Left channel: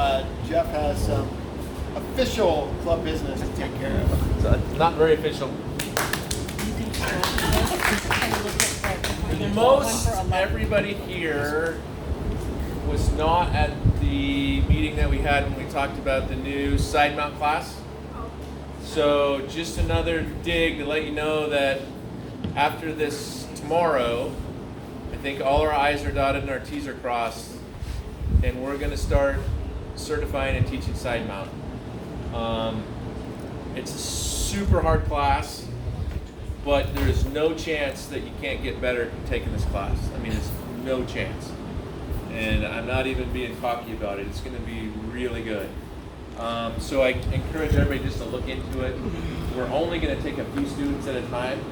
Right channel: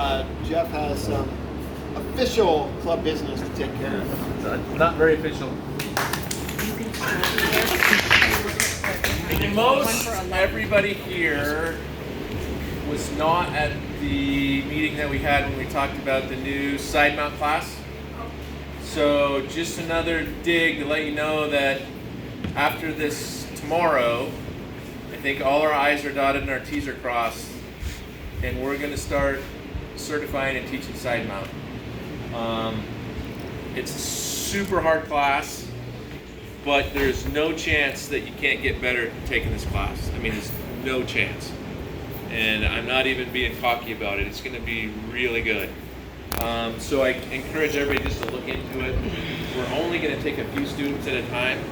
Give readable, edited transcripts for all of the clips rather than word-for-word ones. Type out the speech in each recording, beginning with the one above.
Jeff has some official club business to take care of. Not very official. Most everybody here was not at the meeting that we had when we talked about the new side mount class. So just another dig to let you know that after this tomorrow, I think all our I's are dotted and our T's are crossed, and we're going to start certifying and teaching side mount. It's a super hard class, but there's no chance that you can't get better taking this class. I mean, there's no chance. And I'm not even being cocky about it. It's going to be really good. So I encourage everybody just to look into it. We're only going to take a few students at a time,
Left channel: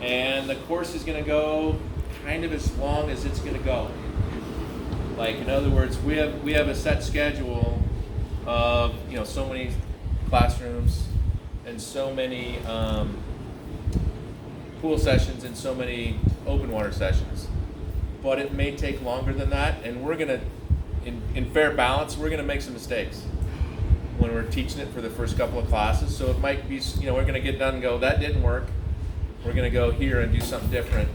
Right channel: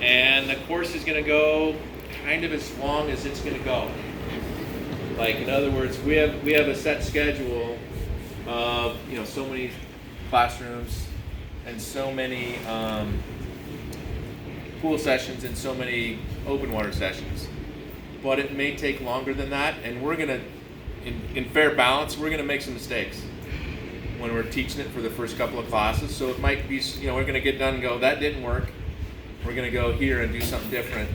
and the course is going to go kind of as long as it's going to go. Like, in other words, we have a set schedule of so many classrooms and so many pool sessions and so many open water sessions. But it may take longer than that, and we're gonna, in fair balance, we're gonna make some mistakes when we're teaching it for the first couple of classes. So it might be, we're gonna get done and go, that didn't work. We're gonna go here and do something different.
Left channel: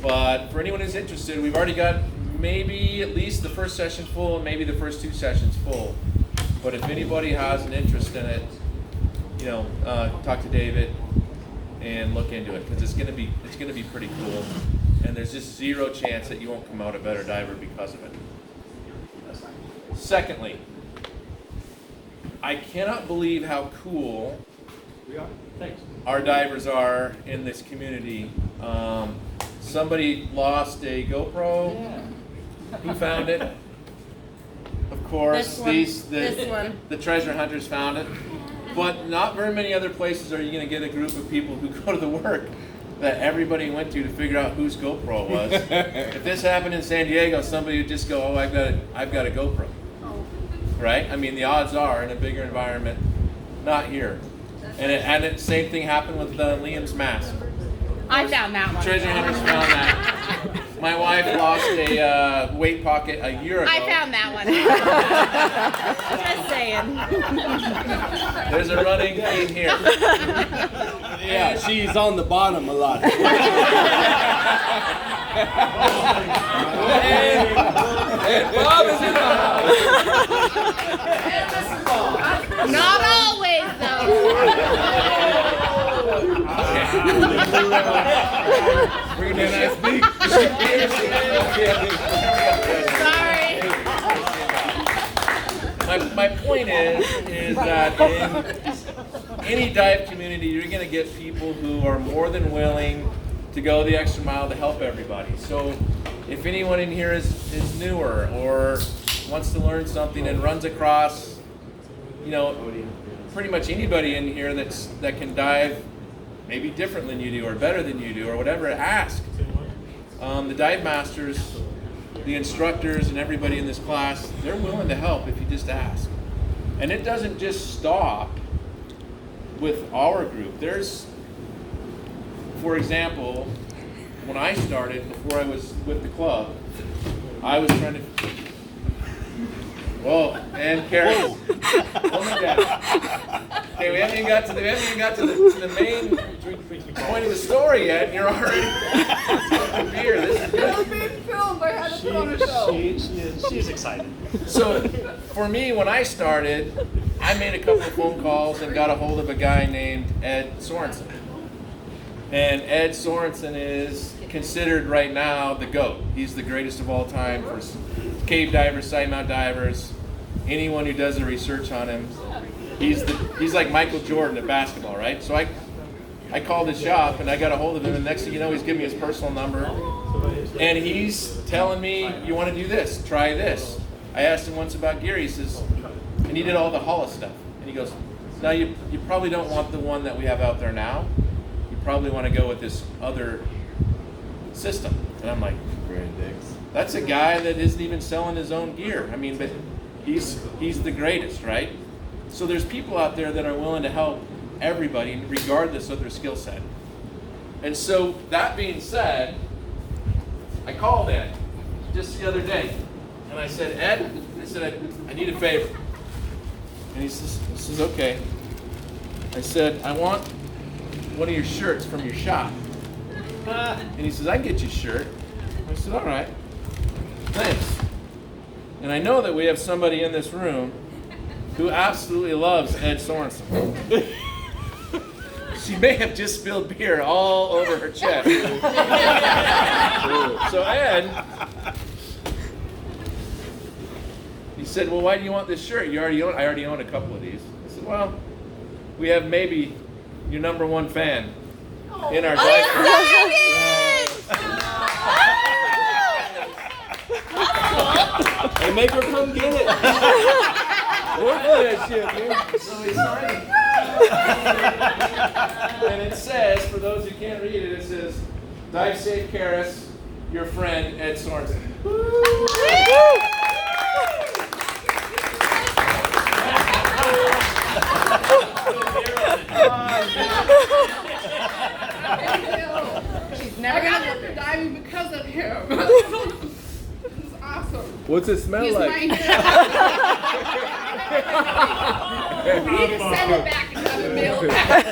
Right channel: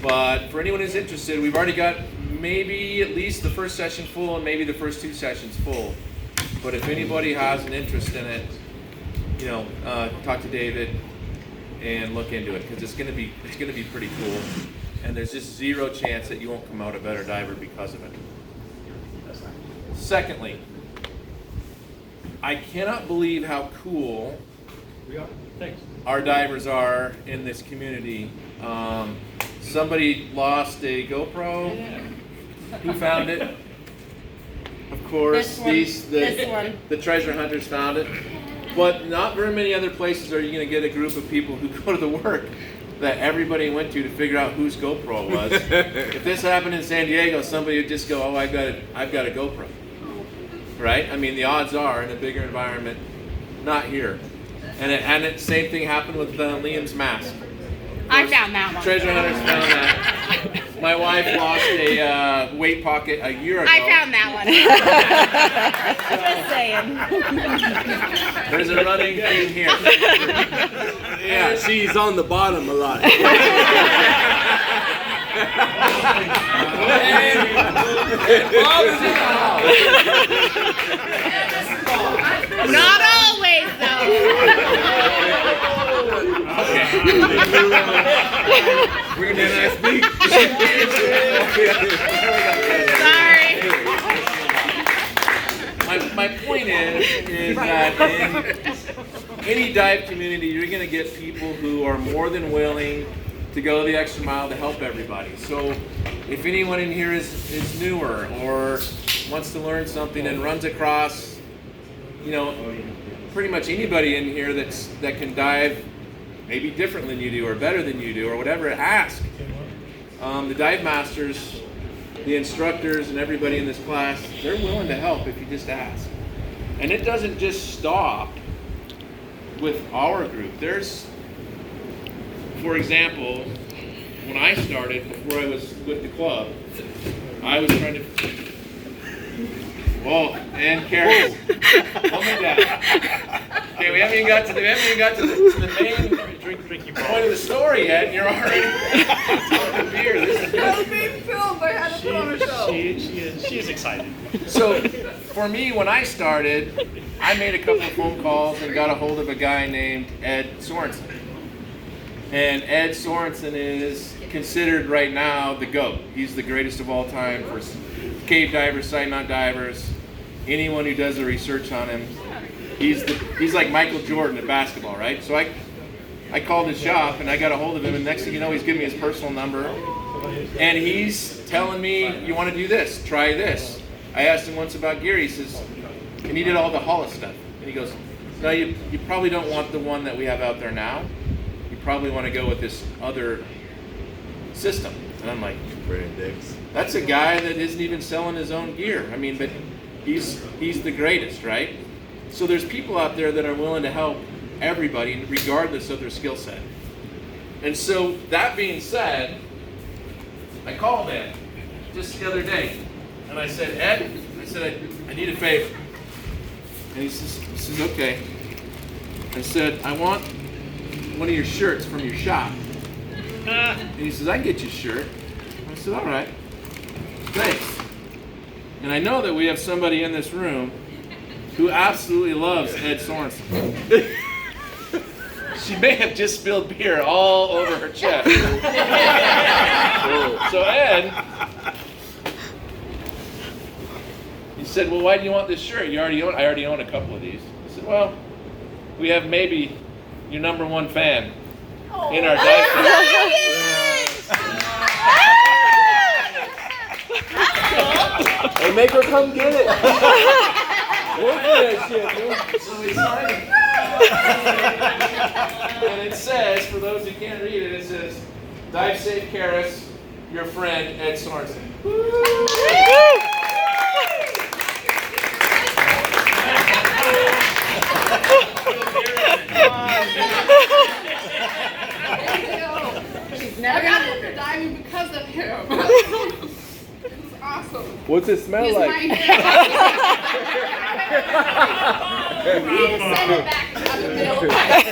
But for anyone who's interested, we've already got maybe at least the first session full and maybe the first two sessions full. But if anybody has an interest in it, talk to David and look into it, because it's gonna be pretty cool. And there's just zero chance that you won't come out a better diver because of it. Secondly, I cannot believe how cool our divers are in this community. Somebody lost a GoPro. Yeah. Who found it? Of course, This one. the treasure hunters found it. But not very many other places are you going to get a group of people who go to the work that everybody went to figure out whose GoPro it was. If this happened in San Diego, somebody would just go, "Oh, I've got a GoPro." Right? I mean, the odds are in a bigger environment, not here. And the same thing happened with Liam's mask. I found that one. Treasure hunters found that. My wife lost a weight pocket a year ago. I found that one. Just saying. There's a running thing here. Yeah, she's on the bottom a lot. Not always, though. We're gonna speak. Sorry. My point is that in any dive community, you're going to get people who are more than willing to go the extra mile to help everybody. So if anyone in here is newer or wants to learn something and runs across, pretty much anybody in here that can dive maybe different than you do or better than you do or whatever, ask. The dive masters, the instructors, and everybody in this class, they're willing to help if you just ask. And it doesn't just stop with our group. There's, for example, when I started, before I was with the club, I was trying to... Whoa, and Carol, calm it down. Okay, we haven't even got to the main point of the story yet, and you're already taking beer. This is good. Being filmed. I had to put on a show. She is excited. So, for me, when I started, I made a couple of phone calls and got a hold of a guy named Ed Sorensen. And Ed Sorensen is considered right now the GOAT. He's the greatest of all time for cave divers, side mount divers, anyone who does the research on him. He's like Michael Jordan at basketball, right? So I called his shop and I got a hold of him, and next thing you know, he's giving me his personal number. And he's telling me, you want to do this, try this. I asked him once about gear, he says, and he did all the Hollis stuff. And he goes, no, you probably don't want the one that we have out there now. You probably want to go with this other system. And I'm like, that's a guy that isn't even selling his own gear. I mean, but he's the greatest, right? So there's people out there that are willing to help everybody regardless of their skill set. And so that being said, I called Ed just the other day, and I said, Ed, I need a favor. And he says, okay. I said, I want one of your shirts from your shop. And he says, I can get you a shirt. I said, all right. Thanks. And I know that we have somebody in this room who absolutely loves Ed Sorensen. She may have just spilled beer all over her chest. So Ed, he said, well, why do you want this shirt? I already own a couple of these. I said, well, we have maybe your #1 fan in our dive club. Hey, make her come get it. Work for that shit, man. So we signed it. And it says, for those who can't read it, it says, Dive Safe Karis, your friend, Ed Sorensen. She's never gonna look at diving because of him. This is awesome. What's it smell He's like? my hero. We need to send it back and have it mailed back.